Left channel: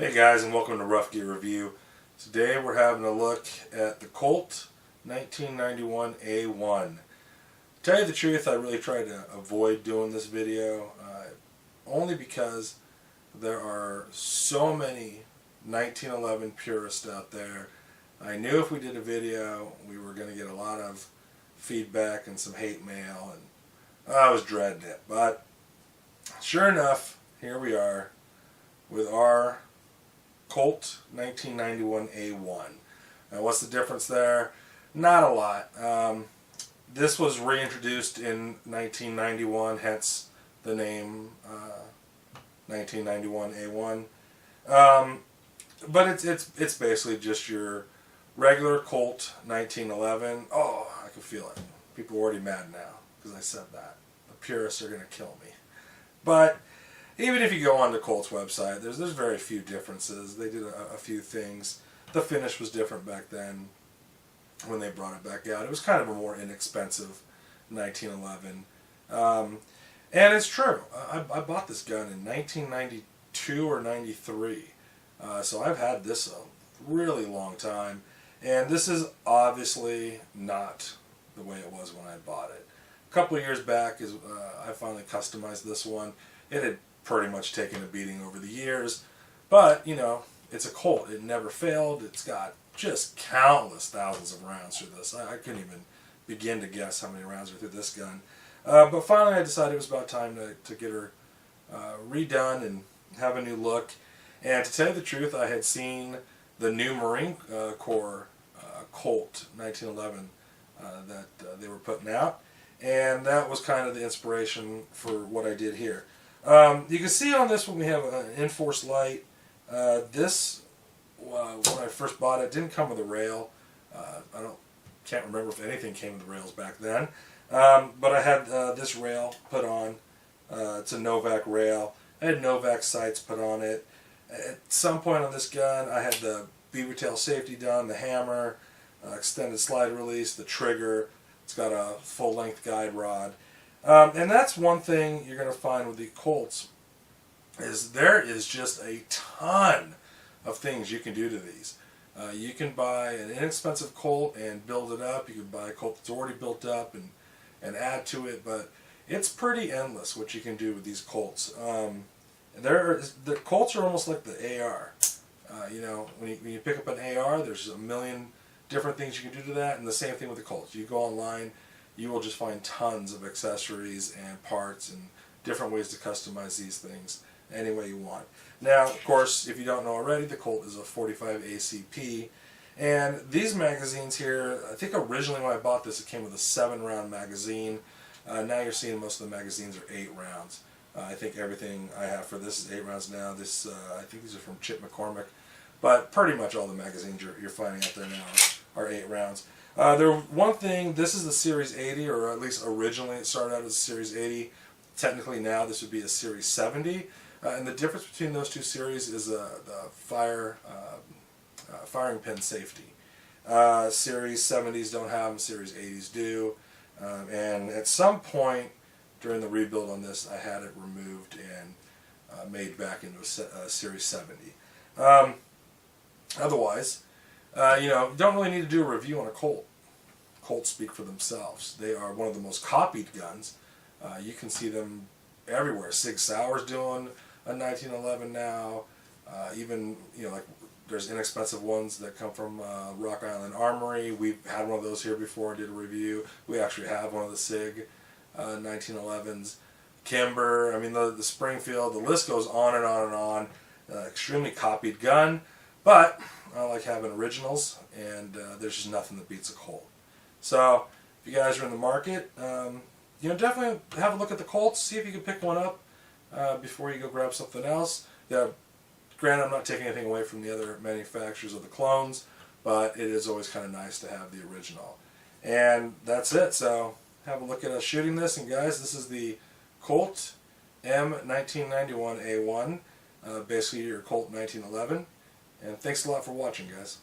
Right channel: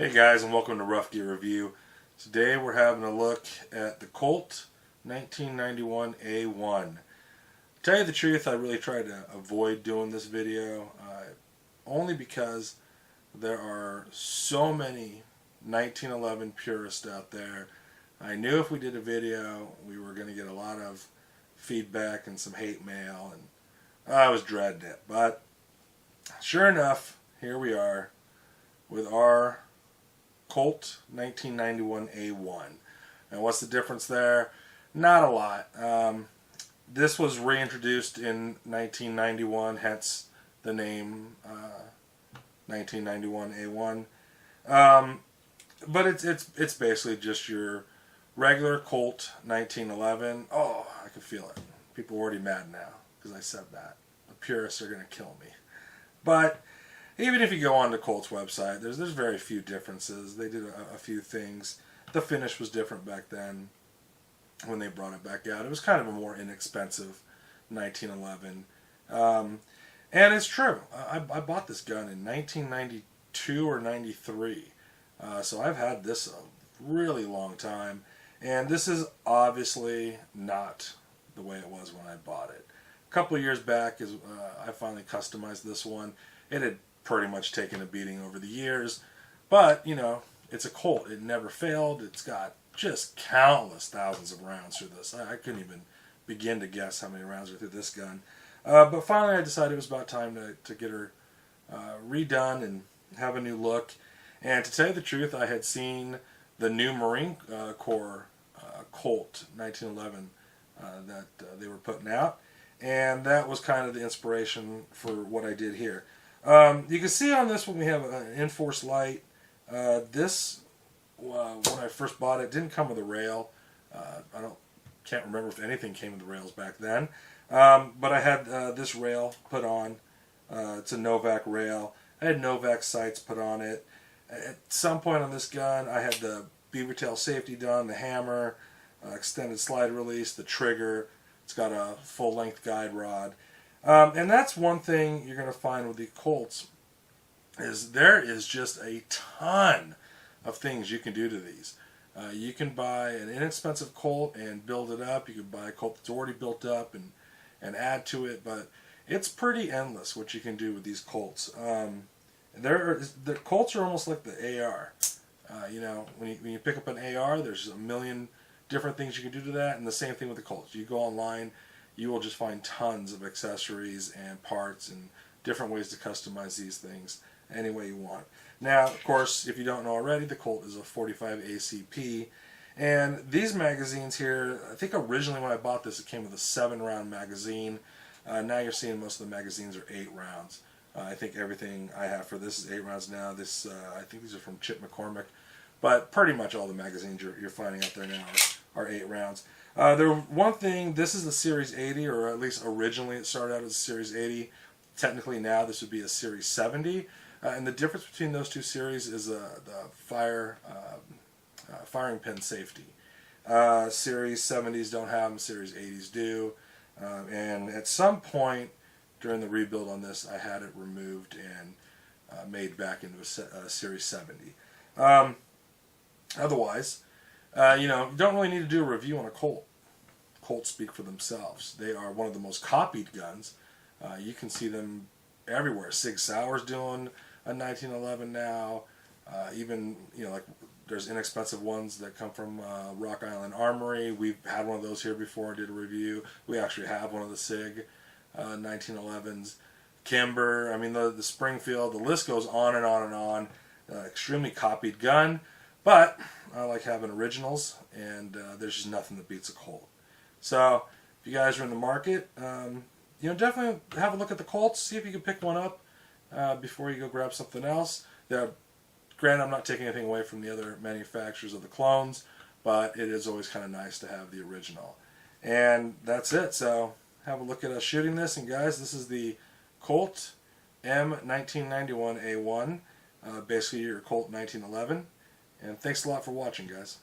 Hey guys, and welcome to Rough Gear Review. Today we're having a look at the Colt 1991A1. To tell you the truth, I really tried to avoid doing this video, only because there are so many 1911 purists out there. I knew if we did a video, we were going to get a lot of feedback and some hate mail, and I was dreading it. But sure enough, here we are with our Colt 1991A1. Now what's the difference there? Not a lot. This was reintroduced in 1991, hence the name 1991A1. But it's basically just your regular Colt 1911. Oh, I can feel it. People are already mad now because I said that. The purists are going to kill me. But even if you go on the Colt's website, there's very few differences. They did a few things. The finish was different back then when they brought it back out. It was kind of a more inexpensive 1911. And it's true. I bought this gun in 1992 or 93. So I've had this a really long time. And this is obviously not the way it was when I bought it. A couple of years back, I finally customized this one. It had pretty much taken a beating over the years, but you know, it's a Colt. It never failed. It's got just countless thousands of rounds through this. I couldn't even begin to guess how many rounds are through this gun. But finally I decided it was about time to get her redone and have a new look. And to tell you the truth, I had seen the new Marine Corps Colt 1911 that they were putting out, and that was kind of the inspiration for what I did here. You can see on this one we have an Enforce light. This, when I first bought it, didn't come with a rail. Can't remember if anything came with the rails back then. But I had this rail put on. It's a Novak rail. I had Novak sights put on it. At some point on this gun, I had the beaver tail safety done, the hammer, extended slide release, the trigger. It's got a full-length guide rod. And that's one thing you're going to find with the Colts, is there is just a ton of things you can do to these. You can buy an inexpensive Colt and build it up. You can buy a Colt that's already built up and add to it, but it's pretty endless what you can do with these Colts. The Colts are almost like the AR. You know, when you pick up an AR, there's a million different things you can do to that, and the same thing with the Colts. You go online, you will just find tons of accessories and parts and different ways to customize these things any way you want. Now, of course, if you don't know already, the Colt is a 45 ACP. And these magazines here, I think originally when I bought this, it came with a 7-round magazine. Now you're seeing most of the magazines are 8 rounds. I think everything I have for this is 8 rounds now. This, I think these are from Chip McCormick. But pretty much all the magazines you're finding out there now are 8 rounds. One thing, this is the Series 80, or at least originally it started out as a Series 80. Technically now this would be a Series 70. And the difference between those two series is the firing pin safety. Series 70s don't have them, Series 80s do. And at some point during the rebuild on this, I had it removed and made back into a Series 70. Otherwise, you know, you don't really need to do a review on a Colt. Colts speak for themselves. They are one of the most copied guns. You can see them everywhere. Sig Sauer's doing a 1911 now. Even, you know, like there's inexpensive ones that come from Rock Island Armory. We've had one of those here before and did a review. We actually have one of the Sig 1911s. Kimber, I mean the Springfield, the list goes on and on and on. Extremely copied gun, but I like having originals, and there's just nothing that beats a Colt. So if you guys are in the market, you know, definitely have a look at the Colts. See if you can pick one up before you go grab something else. Yeah, granted, I'm not taking anything away from the other manufacturers of the clones, but it is always kind of nice to have the original. And that's it. So have a look at us shooting this. And guys, this is the Colt M1991A1, basically your Colt 1911. And thanks a lot for watching, guys.